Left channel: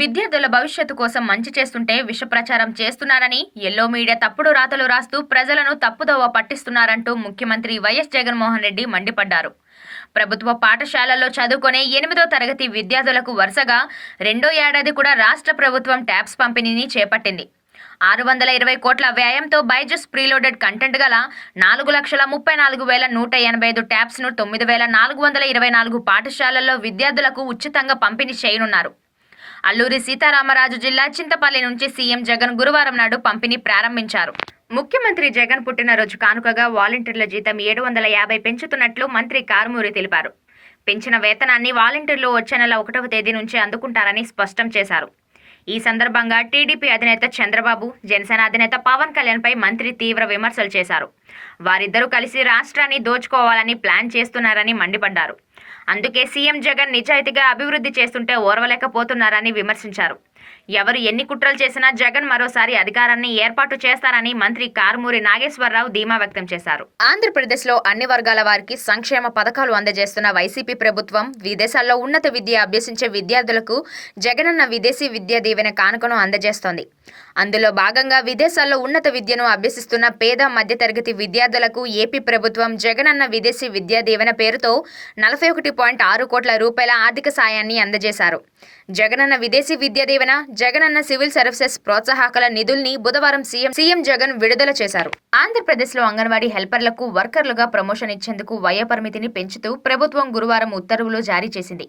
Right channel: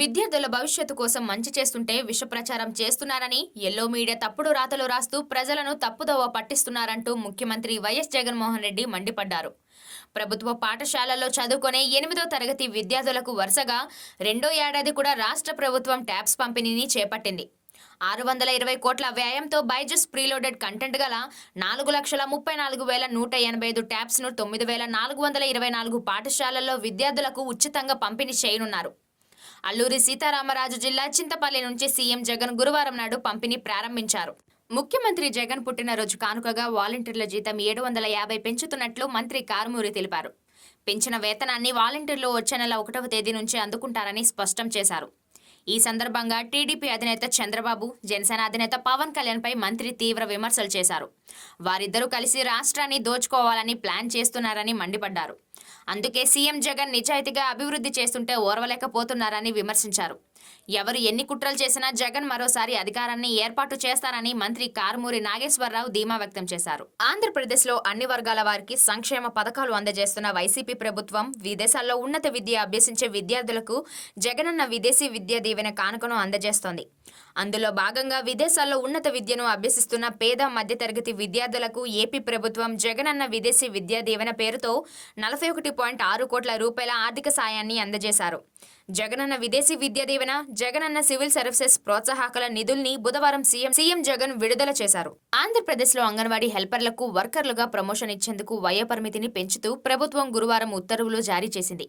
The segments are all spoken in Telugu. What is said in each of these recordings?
విద్యార్థుల భవిష్యత్తు కోసం మంచి చేస్తుంటే విష ప్రచారం చేస్తున్నారని, ఎల్లో మీడియా తప్పుడు రాతలు రాస్తూ ప్రజలను తప్పుదోవ పట్టిస్తున్నారంటూ ముఖ్యమంత్రి వైఎస్ జగన్మోహన్ రెడ్డి మండిపడ్డారు. ప్రభుత్వ పాఠశాలల్లో చదువుకునే 8వ తరగతి విద్యార్థులకు వరుసగా రెండో ఏడాది కూడా రాష్ట్ర ప్రభుత్వం ట్యాబ్స్ పంపిణీని చేపట్టింది. 620 కోట్ల వ్యయంతో బైజూస్ ప్రీలోడెడ్ కంటెంట్ గల 4,34,185 ట్యాబ్స్ను 9,424 పాఠశాలల్లో విద్యార్థులకు ఉచితంగా పంపిణీ చేయనున్నారు. అల్లూరి సీతారామరాజు జిల్లా చింతపల్లి నుంచి సీఎం జగన్ గురువారం నాడు పంపిణీ ప్రారంభించారు. ముఖ్యమంత్రి జగన్ పుట్టినరోజు కానుకగా వాలంటీర్ల జీతం 750 పెంచుతున్నట్లు మంత్రి కారుమూరి తెలిపారు. పెంచిన వేతనాన్ని వాలంటీర్లు వచ్చే నెల 1వ తేదీ నుంచి అందుకుంటారని స్పష్టం చేశారు. ఈ సందర్భంగా టీడీపీ అధినేత చంద్రబాబు, జనసేన అధినేత పవన్ కళ్యాణ్పై మంత్రి తీవ్ర విమర్శలు చేశారు. వారిద్దరూ కలిసి రాష్ట్రాన్ని దోచుకోవాలని ప్లాన్ చేస్తున్నారని మండిపడ్డారు. అందుకే సీఎం జగన్ నిజాయితీగా అభివృద్ధి చేస్తుంటే ఓర్వలేకపోతున్నారని విమర్శించారు. ఎవరు ఎన్ని కుట్రలు చేసినా జగన్ మరోసారి అధికారాన్ని ఏర్పాటు చేస్తారని మంత్రి కారుమూరి నాగేశ్వరరావు ధీమా వ్యక్తం చేశారు. ఆంధ్రప్రదేశ్లో అన్ని వర్గాల వారికి సంక్షేమ పథకాలు అందజేస్తున్న వైసీపీ ప్రభుత్వం విదేశాల్లో ఉన్నత విద్య అభ్యసించే విద్యార్థులకు జగనన్న విదేశీ విద్యా దీవెన కానుకను అందజేస్తోంది. అందులో భాగంగా విదేశాల్లో ఉన్నత విద్యను అభ్యసిస్తున్న పేద మధ్యతరగతి విద్యార్థులకు ఏపీ ప్రభుత్వం జగనన్న విదేశీ విద్యా దీవెన పేరుతో 41.6 కోట్ల రూపాయల ఆర్థిక సాయాన్ని అందజేశారు. జగనన్న విదేశీ విద్యా దీవెన, జగనన్న సివిల్ సర్వీసెస్ ప్రోత్సాహకాల నిధుల్ని బుధవారం సీఎం జగన్ విడుదల చేశారు. ఆంధ్రప్రదేశ్లో అంగన్వాడీ హెల్పర్లకు వర్కర్లుగా ప్రమోషన్ ఇచ్చేందుకు వయోపరిమితిని పెంచుతూ ప్రభుత్వం గురువారం ఉత్తర్వులు జారీ చేసింది.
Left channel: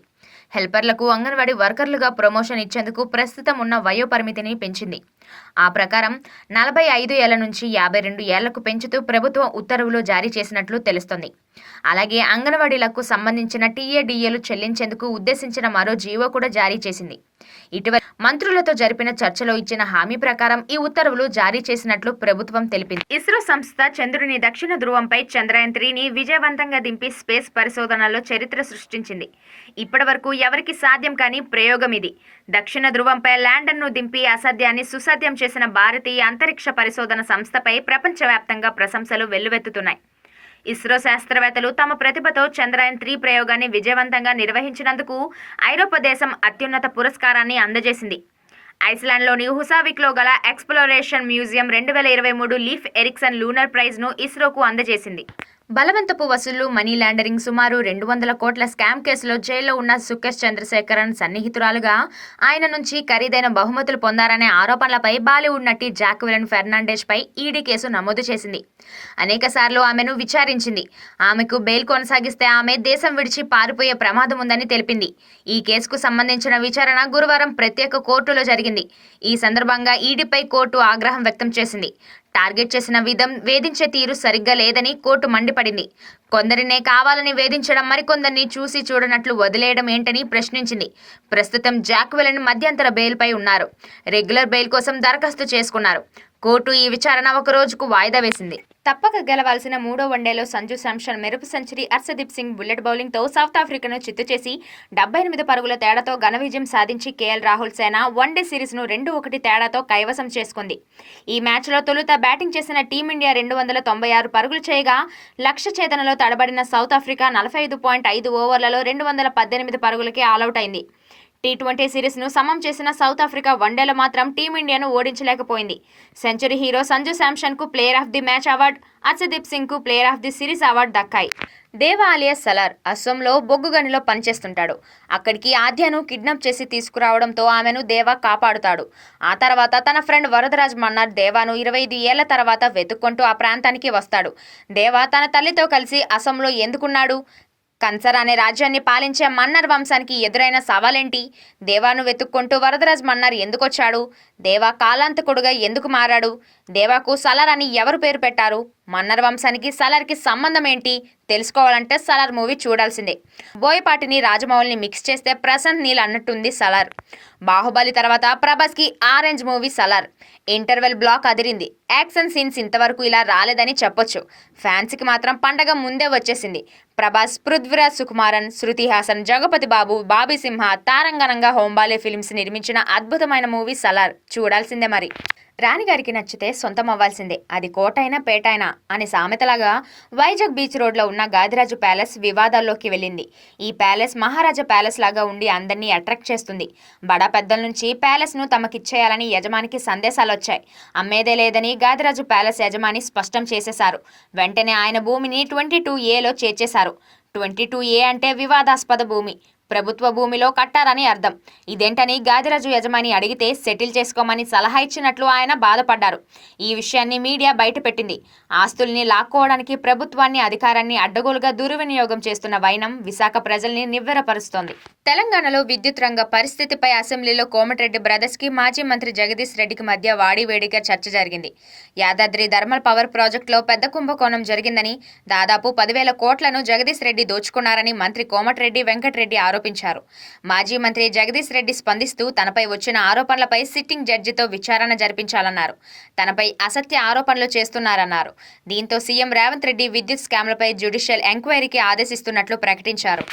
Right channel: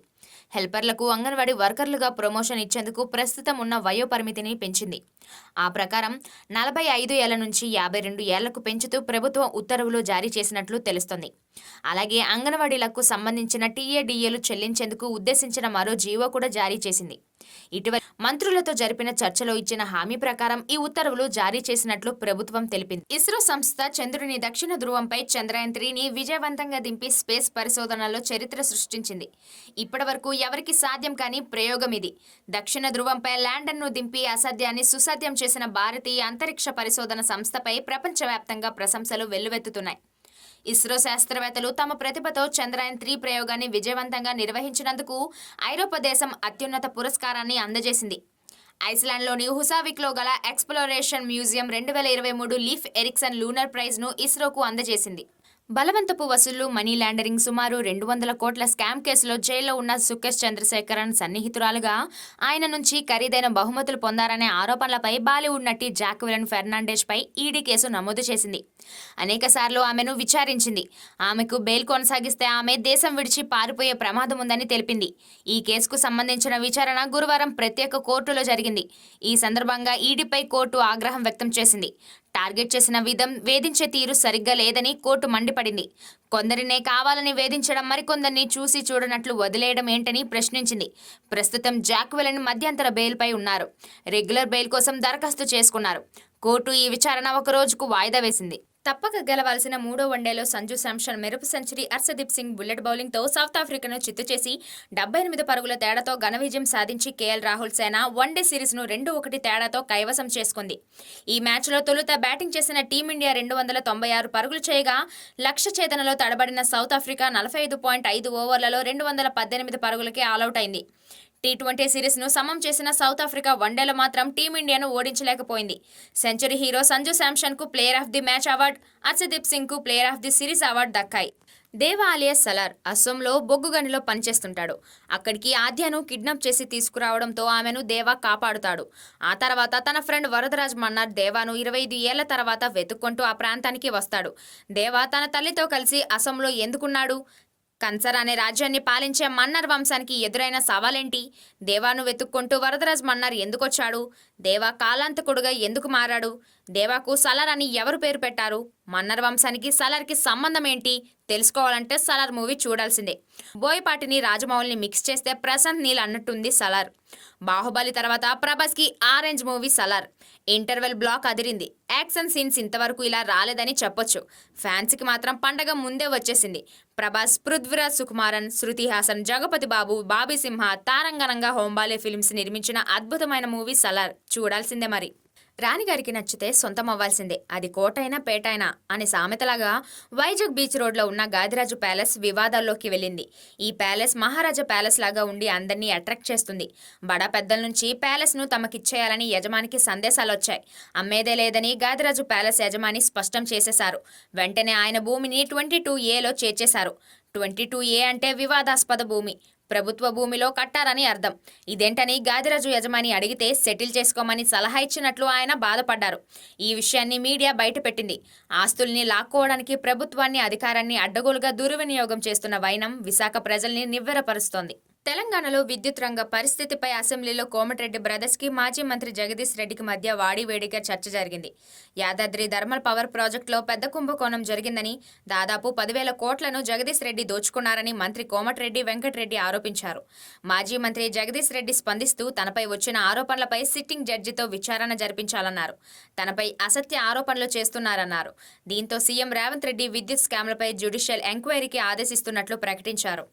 హెల్పర్లకు అంగన్వాడీ వర్కర్లుగా ప్రమోషన్ ఇచ్చేందుకు ప్రస్తుతం ఉన్న వయోపరిమితిని పెంచింది. ఆ ప్రకారం 45 ఏళ్ల నుంచి 52 ఏళ్లకు పెంచుతూ ప్రభుత్వం ఉత్తర్వులు జారీ చేసినట్లు తెలుస్తోంది. అలాగే అంగన్వాడీలకు సంబంధించిన టీఏడీఏలు చెల్లించేందుకు ఉద్దేశించిన మరో జీవో కూడా జారీ చేసింది. ఇటీవల మంత్రులతో జరిపిన చర్చలో ఇచ్చిన హామీ ప్రకారం ఈ ఉత్తర్వులు జారీ చేసినట్లు ప్రభుత్వం తెలిపింది. ఇస్రో సంస్థ చంద్రుని దక్షిణ ధ్రువంపై చంద్రయాన్ 3ని విజయవంతంగా దింపి స్పేస్ పరిశోధనలో చరిత్ర సృష్టించింది. ఇప్పటివరకు ఎవరికి సాధ్యం కాని ప్రయోగం ఇది. దక్షిణ ధ్రువంపై ల్యాండర్ను దింపి అసాధ్యాన్ని సుసాధ్యం చేసిన భారతీయ అంతరిక్ష పరిశోధన సంస్థపై ప్రపంచవ్యాప్తంగా ప్రశంసలు వెల్లువెత్తుతున్నాయి. ఇస్రో శాస్త్రవేత్తలు తమ ప్రతిభతో చంద్రయాన్ 3 ప్రయోగాన్ని విజయవంతంగా నిర్వహించినందుకు ఐరోపా దేశం అత్యున్నత పురస్కారాన్ని అందజేసింది. ఐస్లాండ్లోని హుసావిక్లో గల exploration museum 2023 Leif Erikson lunar ప్రైజ్ను ఇస్రోకు అందజేసింది. బలవంతపు వసూళ్లు, మనీ లాండరింగ్, సుమారు 200 కోట్ల స్కామ్ కేసులో జైల్లో ఉన్న సుకేష్ చంద్రశేఖరన్ సన్నిహితురాలుగా ఆయన నుంచి ఖరీదైన బహుమతులు పొందారనే ఆరోపణలపై బాలీవుడ్ నటి జాక్వెలిన్ ఫెర్నాండెజ్ పై ఈడీ కేసు నమోదు చేసింది. అనేకసార్లు ఆమెను విచారించింది. ఆమెకు బెయిల్ కొనసాగిస్తే ఆమె దేశం విడిచి పారిపోయే ప్రమాదం ఉందని తెలిపింది. ఈ కేసుకు సంబంధించిన విచారణ గురువారం ప్రత్యేక కోర్టులో జరిగింది. ఈ సందర్భంగా ఈడీపై కోర్టు ఆగ్రహం వ్యక్తం చేసింది. టార్గెట్ చేసిన విధం, వేధించే తీరు సరిగ్గా లేదని కోర్టు మండిపడింది. కొందరినే కావాలని వేధించడం, మరికొందరిని చూసి చూడనట్లు వదిలేయడం ఏంటని ప్రశ్నించింది. ప్రస్తుతం జాక్వెలిన్ మధ్యంతర బెయిల్పై ఉన్నారు. రెగ్యులర్ బెయిల్ కోసం దరఖాస్తు చేసుకున్నారు. కోర్టు ఈ విచారణ ఒక రోజుకు వాయిదా వేసింది. తప్పక గెలవాల్సిన 3వ వన్డేలో సంజు శాంసన్ మెరుపు సెంచరీ, హర్షదీప్ సింగ్ బుల్లెట్ బౌలింగ్తో సౌత్ ఆఫ్రికాను చిత్తు చేసి 78 పరుగుల తేడాతో ఘన విజయం సాధించి కేఎల్ రాహుల్ సేన వన్డే సిరీస్ను 2-1 తేడాతో కైవసం చేసుకుంది. ఈ మ్యాచ్లో తొలుత బ్యాటింగ్ చేసిన టీమిండియా 296 పరుగులు చేయగా లక్ష్య ఛేదనలో తడబడిన సౌత్ ఆఫ్రికా 45.5 ఓవర్లలో 218 పరుగులకి ఆలౌట్ అయింది. టీ20 సిరీస్ను సమం చేసిన సౌత్ ఆఫ్రికా వన్డేలో మాత్రం టీమిండియాను ఓడించలేకపోయింది. సెంచరీ హీరో సంజు శాంసన్కు player of the match award, Harshdeep సింగ్కు player of the series award దక్కాయి. దేవా అలియాస్ సలార్ అస్సోంలో బొగ్గు గనిలో పనిచేస్తుంటాడు. అక్కడికి ఆద్యను కిడ్నాప్ చేసి తీసుకురావడంతో ఆమెను దేవా కాపాడుతాడు. ఆ తర్వాత తన ఫ్రెండ్ వరదరాజ్ మన్నార్ దేవాను 25 ఏళ్ల తర్వాత వెతుక్కుంటూ ఆ ప్రాంతానికి వస్తాడు. దేవా తన తల్లితో కలిసి అస్సోంలో ఎందుకున్నాడు? కన్సర్ అనే రాజ్యాన్ని పాలించే మన్నర్ వంశానికి ఎదురైన సవాలేంటి? దేవాను వెతుక్కుంటూ వరదరాజ్ మన్నార్ ఎందుకొచ్చాడు? దేవా కాలాంతకుడుగా ఎందుకు మారాడు? దేవాకు సలార్ అని ఎవరు పేరు పెట్టారు? మన్నర్ వంశానికి సలార్కి సంబంధం ఏంటి? తెలుసుకోవాలంటే సలార్ మూవీ చూడాల్సిందే. బోయపాటిని, రాజమౌళిని మిక్స్ చేస్తే ప్రశాంత్ నీల్ అన్నట్టుంది సలార్. బాహుబలి తర్వాత ప్రభాస్కి orange movie Salaar. Interval block అదిరింది. యాక్షన్ సీన్స్ ఇంతవరకు ఇలా రాలేదని చెప్పొచ్చు. ఫ్యాన్స్కి మాత్రం పండగ ముందే వచ్చేసింది. ప్రభాస్, పృథ్వీరాజ్ సుకుమారన్, శృతి హాసన్, జగపతి బాబు, బాబీ సింహ తారంగణంగా హోంబాలే ఫిల్మ్స్ నిర్మించిన అద్భుతమైన మూవీ సలార్. చూడాల్సిందే మరి. రాణిగారికి నచ్చితే సొంతం అవ్వాల్సిందే, అది కోటైనా పేటైనా అని సామెతలాగా వైజాగ్ బీచ్ రోడ్లో ఉన్న గాదిరాజు ప్యాలెస్ వివాదాల్లోకి వెళ్ళింది. ఈ ప్యాలెస్ మహారాజా ప్యాలెస్ లాగా ఉండి అందరినీ అట్రాక్ట్ చేస్తుంది. బడా పెద్దల నుంచి ప్యాలెస్ను తమకిచ్చేయాలని యజమానికి సందేశాలొచ్చాయి. అమ్మేదే లేదని గాదిరాజు ప్యాలెస్ యజమాని స్పష్టం చేసేశారు. వెంటనే ఆయన భూమిని 22A చేర్చేశారు. 22A అంటే వివాదాస్పద భూమి, ప్రభుత్వ భూమిలో కట్టారని అర్థం. ఇదేంటని గాదిరాజు యజమాని అడిగితే సెటిల్ చేసుకోమని సలహా ఇచ్చినట్లు ఆయన బాధపడ్డారు. ఈ విషయాన్ని మీడియా బయటపెట్టింది. ఆస్తుల్ని లాక్కోవడానికి ప్రభుత్వాన్ని, అధికారాన్ని అడ్డగోలుగా దుర్వినియోగం చేస్తున్న వైనం విశాఖ ప్రజల్ని నివ్వెరపరుస్తోంది. తెలంగాణలో విద్యుత్ రంగ పరిస్థితిపై అసెంబ్లీలో కోమటిరెడ్డి బ్రదర్స్ కి మాజీ మంత్రి జగదీష్ రెడ్డికి మధ్య వాడివేడిగా చర్చ జరిగింది. యాదాద్రి థర్మల్ పవర్ ప్రాజెక్టులో పెద్ద కుంభకోణం జరిగిందని, దాదాపు 10,000 కోట్లను జగదీష్ రెడ్డి దోచుకున్నారని మంత్రి కోమటిరెడ్డి వెంకటరెడ్డి ఆరోపించారు. మాజీ మంత్రి జగదీష్ రెడ్డి స్పందిస్తూ తనపై వచ్చిన ఆరోపణలపై సిట్టింగ్ జడ్జితో విచారణ జరిపించాలన్నారు. తనపై అసత్య ఆరోపణలు చేస్తున్నారన్నారు. దీంతో సీఎం రేవంత్ రెడ్డి విద్యుత్ స్కామ్లపై జ్యుడిషియల్ ఎంక్వైరీకి ఆదేశిస్తున్నట్లు ప్రకటించారు.